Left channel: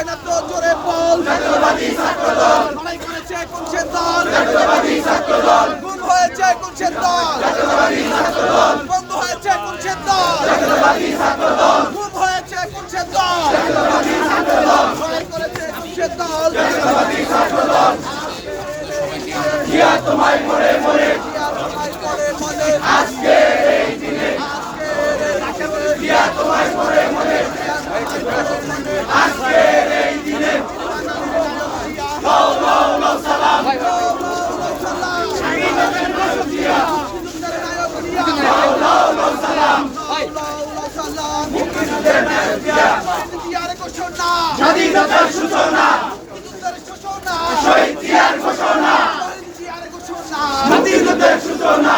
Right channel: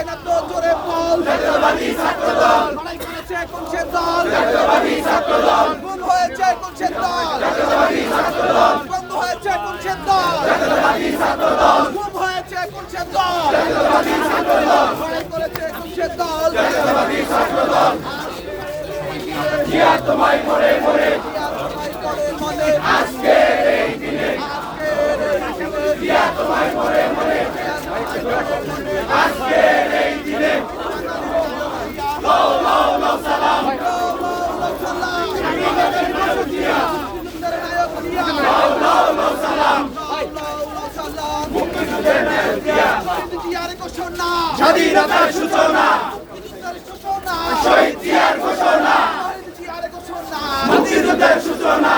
করেছে না তো জোরে বল জাতীয়বাদী ছাত্রদল লড়াই করেছে কোন সে দল জাতীয়বাদী ছাত্রদল গুম হয়েছে কোন সে দল জাতীয়বাদী ছাত্রদল বন্ধ হয়েছে কোন সে দল জাতীয়বাদী ছাত্রদল গুম হয়েছে কোন সে দল জাতীয়বাদী ছাত্রদল লড়াই করেছে কোন সে দল জাতীয়বাদী ছাত্রদল জিয়া তোমায় মরে মরে জিয়া তোমায় মরে মরে আজকের এই দিনে জিয়া তোমায় মরে মরে আজকের এই দিনে লাও লাও লাও সালাম লাও লাও লাও সালাম স্বাধীনতার নায়ক জিয়া মুক্তিযুদ্ধের নায়ক জিয়া লাও লাও লাও সালাম লাও লাও লাও সালাম মুক্তিযুদ্ধের নায়ক জিয়া জিয়ার ঘোষণা স্বাধীনতার সূচনা মুক্তিযুদ্ধের সূচনা শহীদ জিয়ার ঘোষণা শহীদ জিয়ার ঘোষণা মুক্তিযুদ্ধের সূচনা